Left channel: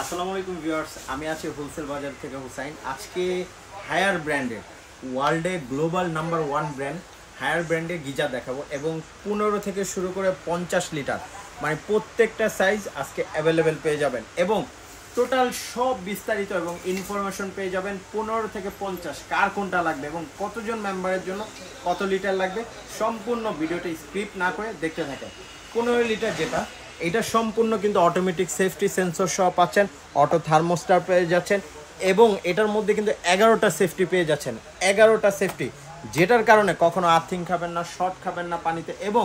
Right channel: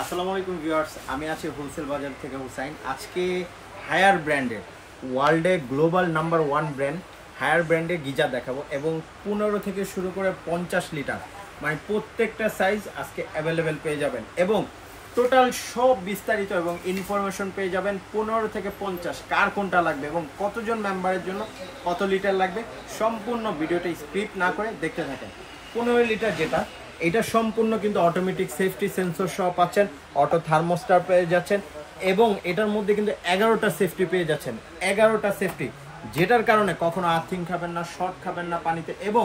আসসালামু আলাইকুম ভিউয়ার্স, আমি আছি হোলসেল বাজার থেকে হুসাইন। আজকে হায়ার ব্র্যান্ডের ওয়ার্ল্ডে গ্লোবাল নাম্বার 1 ব্র্যান্ড হায়ার ব্র্যান্ডের গিজার দেখাবো এবং 15 থেকে শুরু করে 50 লিটার মানে প্রত্যেকটা সাইজ আজকে অ্যাভেলেবেল পেয়ে যাবেন এবং টোটাল সব বিস্তারিত এবং ইনফরমেশন পেয়ে যাবেন। 15 থেকে 50 কার কোনটা লাগবে এবং কতজন মেম্বারের জন্য কত লিটার লাগবে সম্পূর্ণ ভিডিওটা স্ক্রিপ্ট না করে দেখতে থাকেন। 15 লিটার যেটা এটা সম্পূর্ণ কিন্তু অটোমেটিক সেফটি সেন্সর সহ পাচ্ছেন, অটো থার্মোস্টার পেয়ে যাচ্ছেন এবং এটার মধ্যে কিন্তু 11টা সেফটি পেয়ে যাচ্ছেন। 11টা সেফটি যেটার কারণে কখনো আর্থিং খাবেন না, শর্ট খাবেন না পানিতে এবং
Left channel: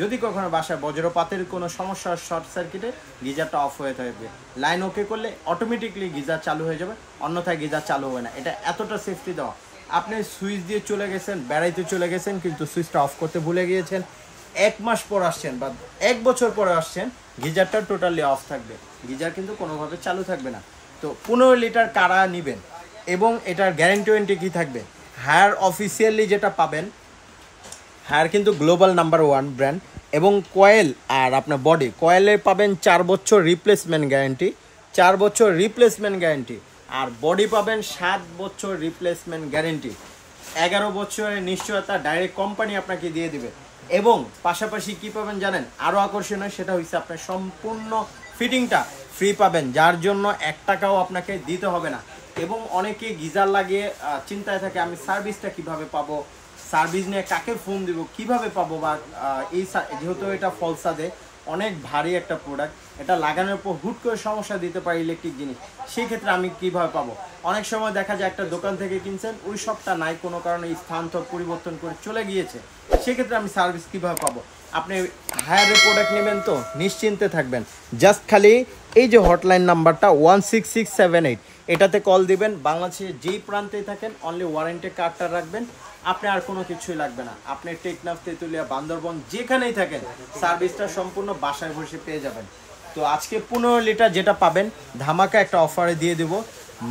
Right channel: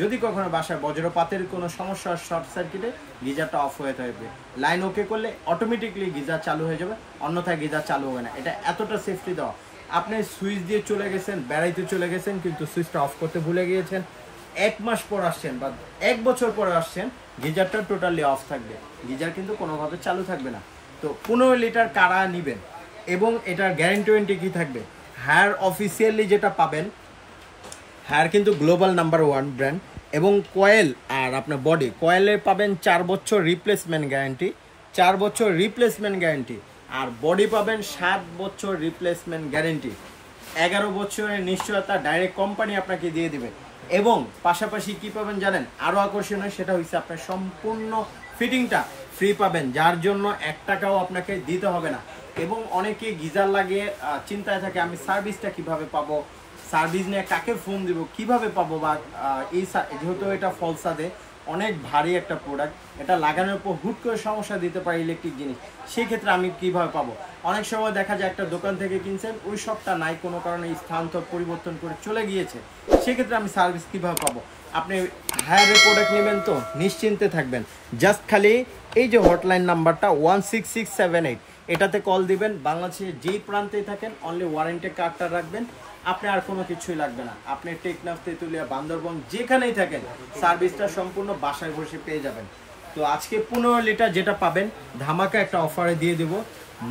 যদি কখনো বাসায় বজ্রপাতের কোনো সমস্যা শর্ট সার্কিটে গিজারটা অফ হয়ে থাকবে, লাইন ওকে করলে অটোমেটিকলি গিজার চালু হয়ে যাবে, অন্যথায় গিজার চালু হবে না। এটা এতটা সেফটি দেওয়া, আপনি সুইচ দিয়ে চলে গেছেন, বেড়াইতে চলে গেছেন কিন্তু সুইচটা অফ করতে ভুলে গিয়েছেন, 1 মাস পর আসছেন বা 1 বছর পরে আসছেন, গিজারটা টোটালি অফ থাকবে, গিজার কিন্তু কোনোভাবে চালু থাকবে না। তো 15 লিটার কারা নেবেন এবং এটার গ্যারান্টি ওয়ারেন্টি কী থাকবে? হায়ার অফিসিয়ালি যেটা পাবেন, হায়ার কিন্তু গ্লোবাল নাম্বার 1 ব্র্যান্ড এবং কয়েল আর আপনার বডি কয়েলে পাবেন 4 বছর রিপ্লেসমেন্ট গ্যারান্টি, 4 বছর রিপ্লেসমেন্ট গ্যারান্টি, আর বডি পাবেন 7 বছর রিপ্লেসমেন্ট গ্যারান্টি, 11 বছরের নিশ্চয়তা ডাইরেক্ট কোম্পানি আপনাকে দিয়ে দিবে। এবং পাশাপাশি কি পাবেন জানেন, আরও আকর্ষণীয় সেটা হচ্ছে আপনার সম্পূর্ণ ফিটিংটা ফ্রি পাবেন, যার জন্য 1 টাকাও আপনাকে দিতে হবে না। এবং অনেকেই গিজার লাগিয়ে চিন্তায় থাকে আমি সার্ভিসটা কিভাবে পাবো, সার্ভিস নিয়ে কাকে ফোন দিব, কিভাবে পাবো, বা এই যেহেতু এটা ফলসাদে অনেক ভারী একটা প্রোডাক্ট, এটা লাগানোর পর হুট করে সমস্যা দিতে পারে ইলেকট্রিক জিনিস, সেই ক্ষেত্রে আমি কিভাবে পাবো? অনেক সময় দেখা যায় একটা দোকান থেকে কিনছেন, ওই সবটা নাই, কোনো কারণে স্থানান্তর পরিবর্তন করে চলে গিয়েছে, সেক্ষেত্রে আমি সার্ভিস কিভাবে পাবো? আপনি হায়ারের প্রোডাক্ট নেবেন তো নিশ্চিন্তে থাকবেন, জাস্ট খালি এই যে হটলাইন নাম্বারটা 16678 এটাতে কল দিবেন। বাংলাদেশের যেই প্রান্তেই থাকেন অনলি ওয়ারেন্টি কার্ডটা রাখবেন, আপনি আর কোনো কিছুই লাগবে না। আপনি টেকনাফ, তেঁতুলিয়া, বান্দরবন যেখানেই থাকেন সার্ভিসটা সম্পূর্ণ বাসায় বসে পেয়ে যাবেন। তো আজকে 15 লিটার যেটা পাবেন ধামাকা একটা অফারে দিয়ে দেব,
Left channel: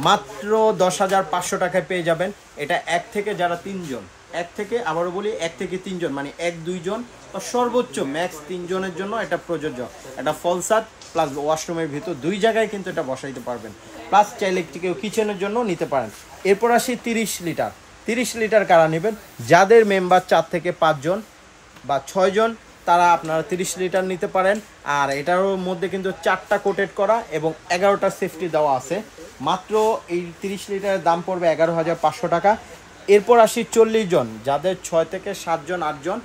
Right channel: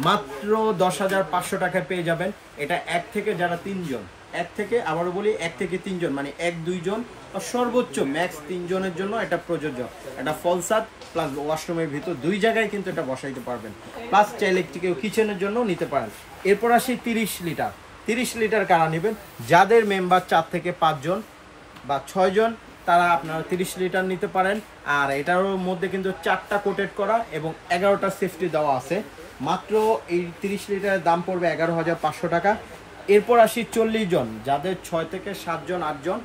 মাত্র 10,500 টাকায় পেয়ে যাবেন। এটা 1 থেকে যারা 3 জন, 1 থেকে আবারও বলি 1 থেকে 3 জন মানে 1-2 জন বা সর্বোচ্চ ম্যাক্স 3 জনের জন্য এটা প্রযোজ্য। এটা ফলসাদ প্লাস ওয়াশরুমের ভিতর 2 জায়গায় কিন্তু এটা বসাইতে পারবেন, প্লাস চাইলে কেউ কিচেনের জন্য নিতে পারেন। এরপর আসি 30 লিটার। 30 লিটার কারা নেবেন? যাদের মেম্বার 4 থেকে 5 জন বা 6 জন তারা আপনারা 30 লিটার নিতে পারেন। আর এটার মধ্যে কিন্তু 4টা কোটেড করা এবং 11টা সেফটি দেওয়া আছে। মাত্র এই 30 লিটারের দাম পড়বে 11,500 টাকা। এরপর আসি 40 জন, যাদের 6 থেকে 7 জন 8 জন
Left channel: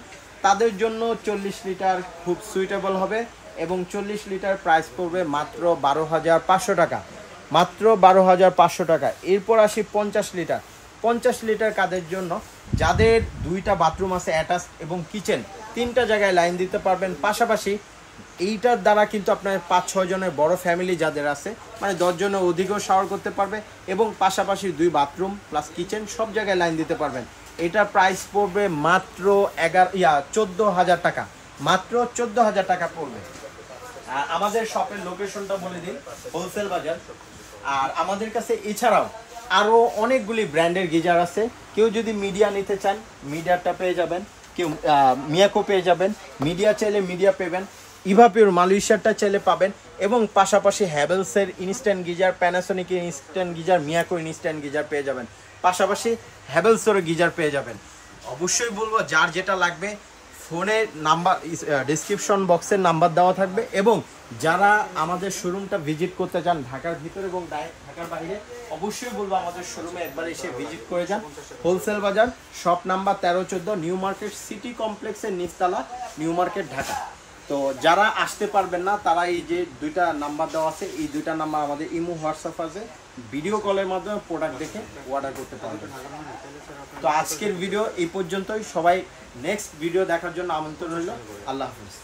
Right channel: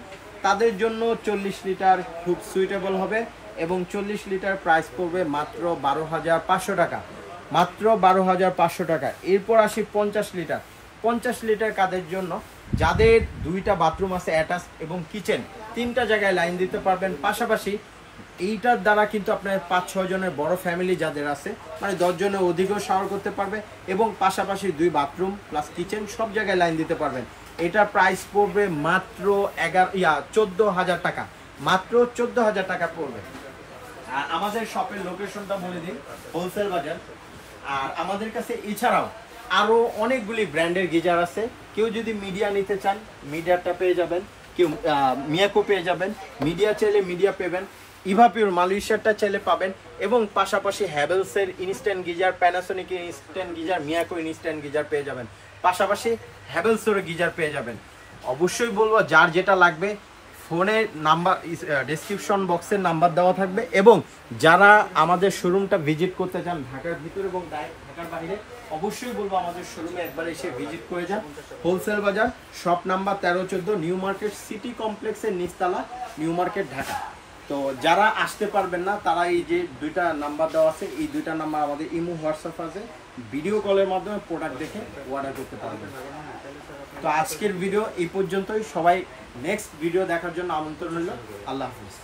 তাদের জন্য 40 লিটার খুব সুইটেবল হবে এবং 40 লিটার প্রাইস পড়বে মাত্র 12,500 টাকা, মাত্র 12,500 টাকা। এরপর আসি 50 লিটার। 50 লিটার কাদের জন্য? যাদের 2টা বাথরুম আছে অ্যাটাচ এবং কিচেন, 3টা জায়গায় লাইন দিতে পারবেন। পাশাপাশি এইটার দ্বারা কিন্তু আপনার 5-6 জনের বড় ফ্যামিলি যাদের আছে মানে 10 জনের অধিকও শাওয়ার করতে পারবে এবং পাশাপাশি 2 বাথরুম প্লাস কিচেন সব জায়গায় লাইন দিতে পারবেন। এটা প্রাইস পড়বে মাত্র 14,000 টাকা, মাত্র 14,000 টাকা পড়বে। আর আমাদের শপের লোকেশনটা বলে দিন, হোলসেল বাজার। আর আমাদের কাছে এছাড়াও আরও অনেকগুলি ব্র্যান্ডের গিজার আছে। কেউ যদি মিডিয়া নিতে চান মিডিয়াটা পেয়ে যাবেন, কেউ মিয়াকো পেয়ে যাবেন, মিডিয়া চাইলে মিডিয়া পেবেন, ইভাপিওর মালয়েশিয়ারটা চাইলে পাবেন এবং পাশাপাশি হ্যাভেলসের ইনস্ট্যান্ট গিজার, প্যানাসোনিকের instant geyser, Miyako instant geyser পেয়ে যাবেন, পাশাপাশি হ্যাভেলসেরও গিজার পেয়ে যাবেন। অবশ্যই বলবো যার যেটা লাগবে ফোনের নাম্বার ডিসক্রিপশন বক্সের নাম্বার দেওয়া থাকবে এবং যারা আমাদের শোরুমটা ভিজিট করতে চান ঢাকার ভিতরে এবং ঢাকার বাইরে অবশ্যই বলবো আমাদের শোরুমে একবার এসে ভিজিট করে যান। হোলসেল বাজার, shop number 13-14, new market city কমপ্লেক্সের নিচতলা, নিউ মার্কেট, ঢাকা। তো যারা আসতে পারবেন না তারা এই যে 2টা নাম্বার দেওয়া আছে, এই 2টা নাম্বার আমাদের ইমো হোয়াটসঅ্যাপ আছে, ভিডিও কলের মাধ্যমে প্রোডাক্ট দেখে অর্ডার করতে পারবেন। তো আজকের ভিডিও এই পর্যন্তই। সবাই নেক্সট ভিডিও দেখার জন্য আমন্ত্রণ রইল। আল্লাহ হাফেজ।